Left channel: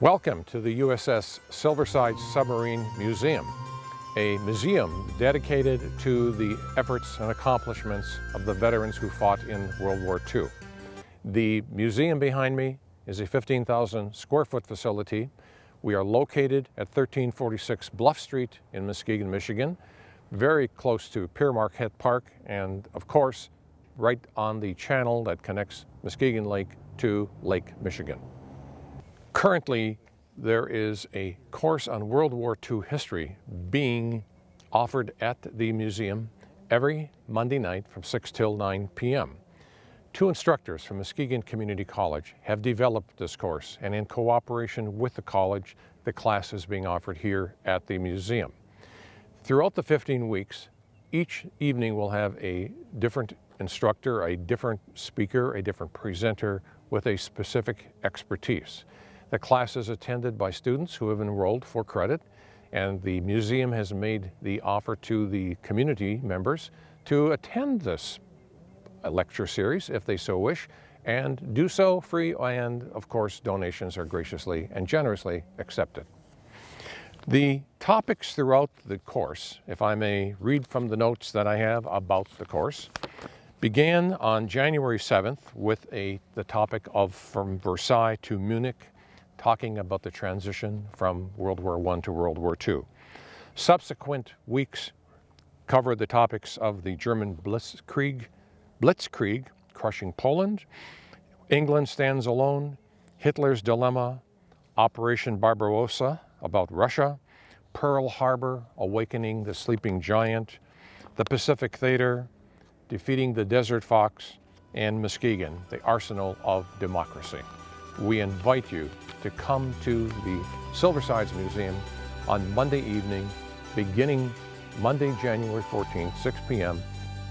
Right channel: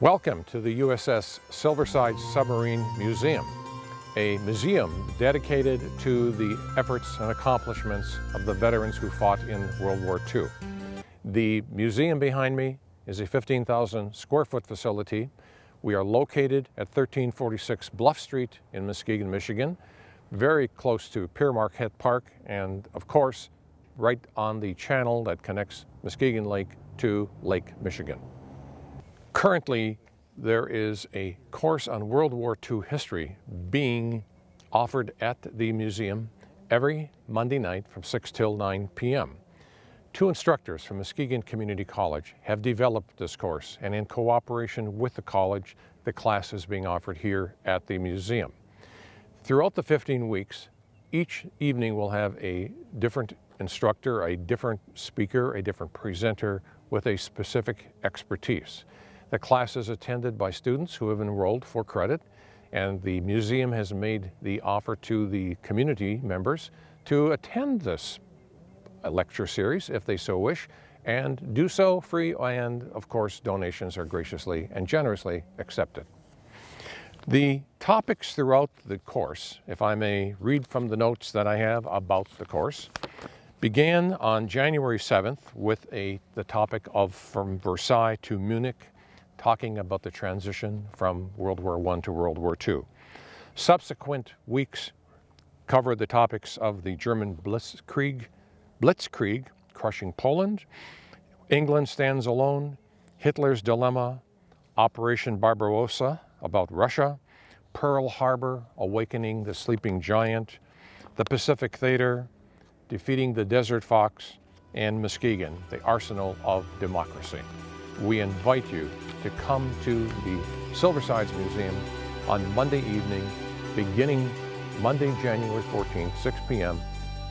Welcome to the USS Silverside Submarine Museum, a museum dedicated to the efforts and accomplishments of the veterans who fought in World War II. The museum behind me is a 15,000 square foot facility. We are located at 1346 Bluff Street in Muskegon, Michigan, very close to Pere Marquette Park, and of course, right on the channel that connects Muskegon Lake to Lake Michigan. Currently, there is a course on World War II history being offered at the museum every Monday night from 6 till 9 p.m. Two instructors from Muskegon Community College have developed this course, and in cooperation with the college, the class is being offered here at the museum. Throughout the 15 weeks, each evening will have a different instructor, a different speaker, a different presenter with a specific expertise. The class is attended by students who have enrolled for credit, and the museum has made the offer to the community members to attend this lecture series if they so wish, and do so free, and of course donations are graciously and generously accepted. The topics throughout the course, if I may read from the notes that I have about the course, began on January 7th with the topic of From Versailles to Munich, talking about the transition from World War I to World War II. Subsequent weeks covered the topics of the German Blitzkrieg, crushing Poland, England Stands Alone, Hitler's Dilemma, Operation Barbarossa about Russia, Pearl Harbor, Awakening the Sleeping Giant, the Pacific Theater, Defeating the Desert Fox, and Muskegon, the Arsenal of Democracy. We invite you to come to the Silversides Museum on Monday evening, beginning Monday, January 14th, 6 p.m.,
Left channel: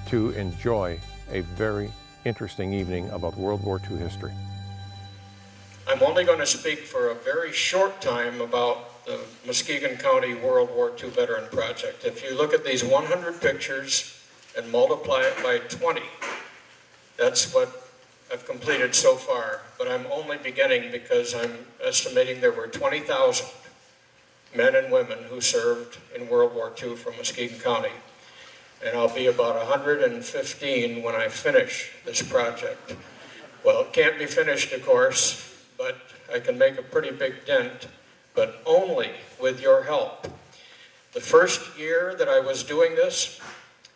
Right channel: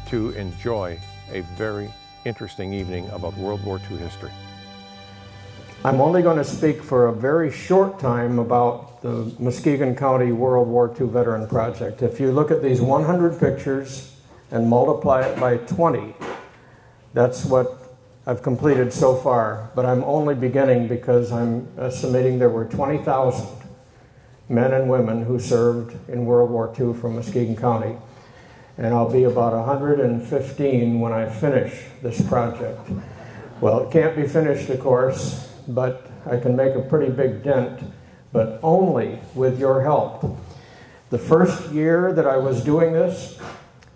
to enjoy a very interesting evening about World War II history. I'm only going to speak for a very short time about the Muskegon County World War II Veteran Project. If you look at these 100 pictures and multiply it by 20, that's what I've completed so far, but I'm only beginning because I'm estimating there were 20,000 men and women who served in World War II from Muskegon County. And I'll be about 115 when I finish this project. Well, it can't be finished, of course, but I can make a pretty big dent, but only with your help. The first year that I was doing this,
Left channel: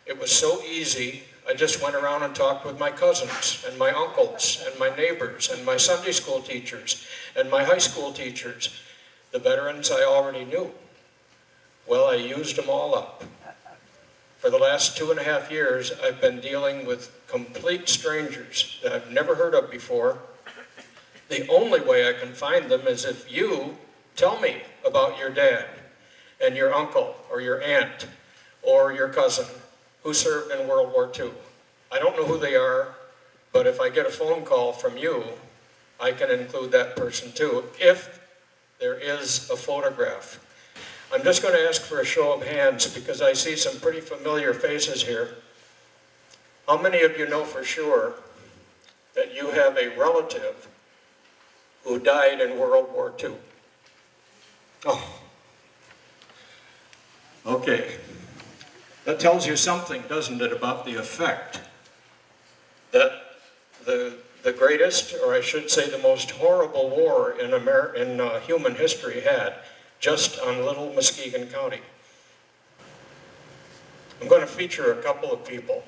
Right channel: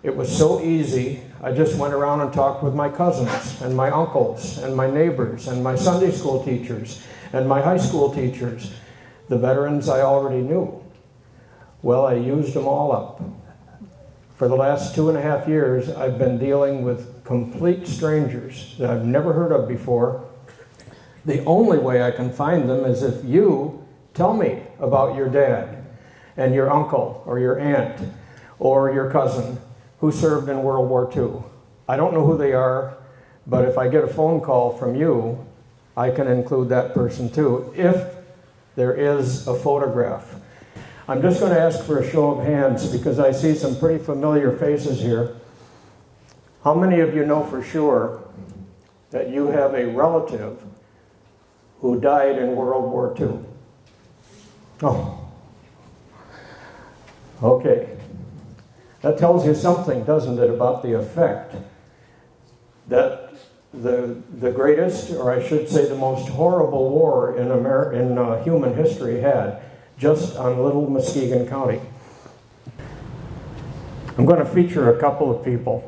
it was so easy. I just went around and talked with my cousins and my uncles and my neighbors and my Sunday school teachers and my high school teachers, the veterans I already knew. Well, I used them all up. For the last 2.5 years, I've been dealing with complete strangers that I've never heard of before. The only way I can find them is if you tell me about your dad and your uncle or your aunt or your cousin who served in World War II. I don't know who they are, but if I get a phone call from you, I can include that person too, if there is a photograph. I'm just going to ask for a show of hands because I see some pretty familiar faces here. How many of you know for sure that you have a relative who died in World War II? Oh, okay. That tells you something, doesn't it, about the effect that the greatest, or I should say the most horrible war in human history had, just on little Muskegon County. I'm going to feature a couple of people.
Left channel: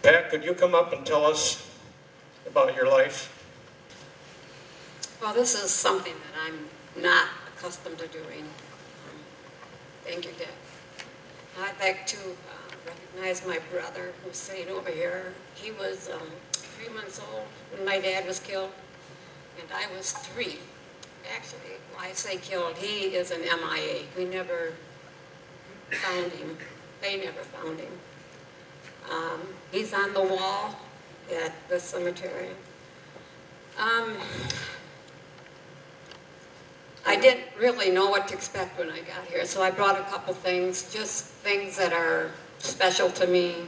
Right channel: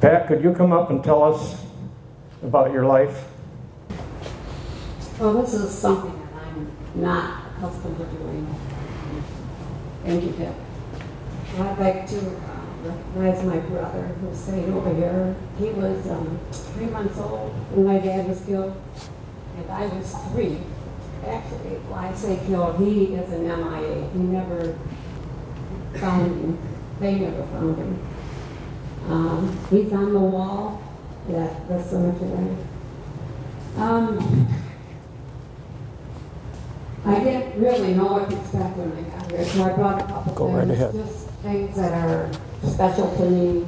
Pat, could you come up and tell us about your life? Well, this is something that I'm not accustomed to doing. Thank you, Pat. I'd like to recognize my brother who's sitting over here. He was 3 months old when my dad was killed, and I was 3. Actually, when I say killed, he is an MIA. We never found him. They never found him. He's on the wall at the cemetery. I didn't really know what to expect when I got here, so I brought a couple things, just things that are special to me,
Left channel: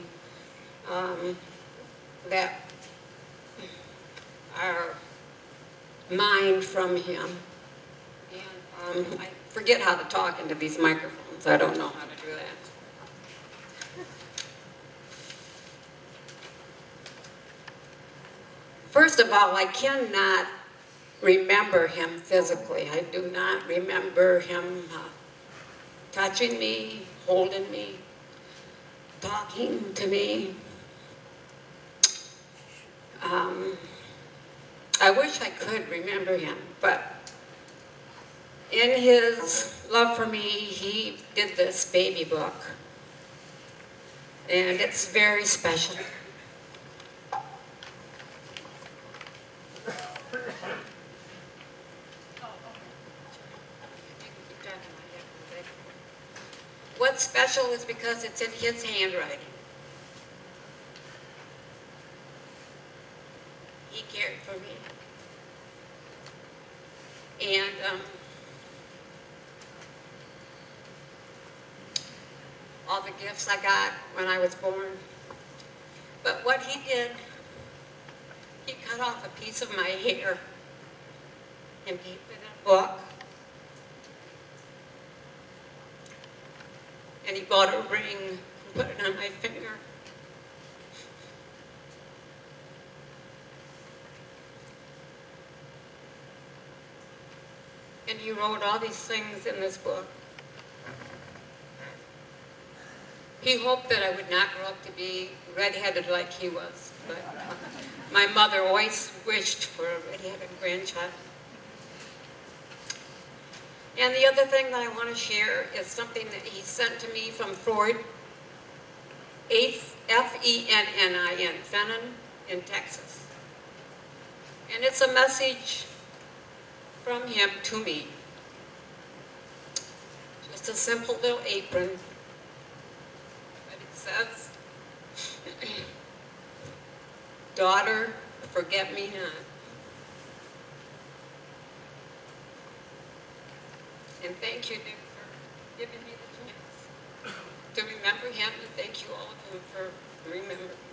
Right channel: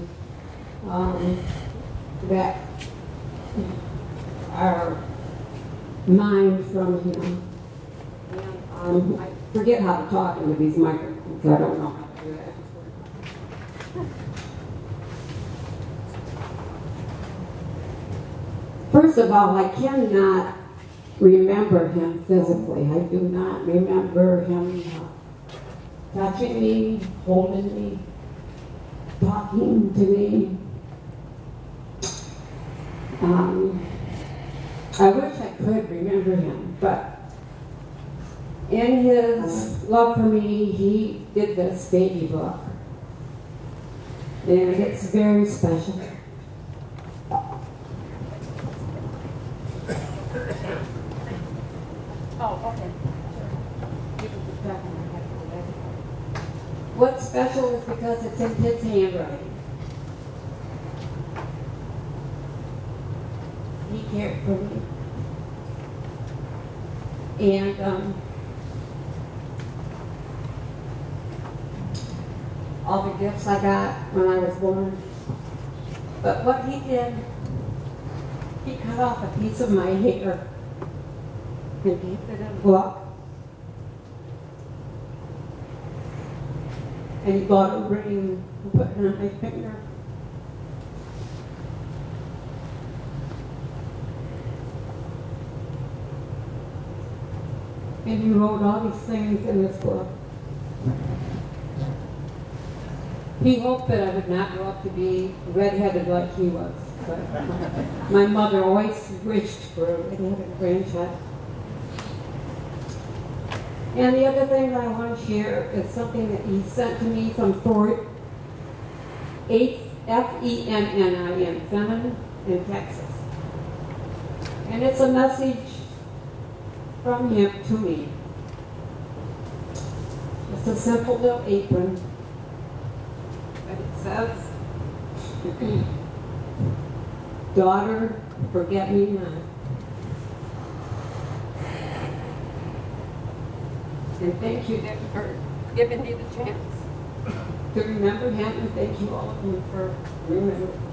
that are mine from him. And I forget how to talk into these microphones. I don't know how to do that. First of all, I cannot remember him physically. I do not remember him touching me, holding me, talking to me. I wish I could remember him, but in his love for me, he did this baby book, and it's very special. What's special is because it's in his handwriting. He cared for me. And all the gifts I got when I was born. But what he did, he cut off a piece of my hair and gave it in a book. And he bought a ring and put it on my finger. And he wrote all these things in this book. He hoped that I would not grow up to be redheaded like he was, but my mother always wished for a redheaded grandchild. And the other thing that I want to share is something that he sent to me from Fort F-E-N-N-I-N, Fenton in Texas. And it's a message from him to me. Just a simple little apron. But it says, daughter, forget me not. And thank you, Nick, for giving me the chance to remember him, and thank you all of you for remembering.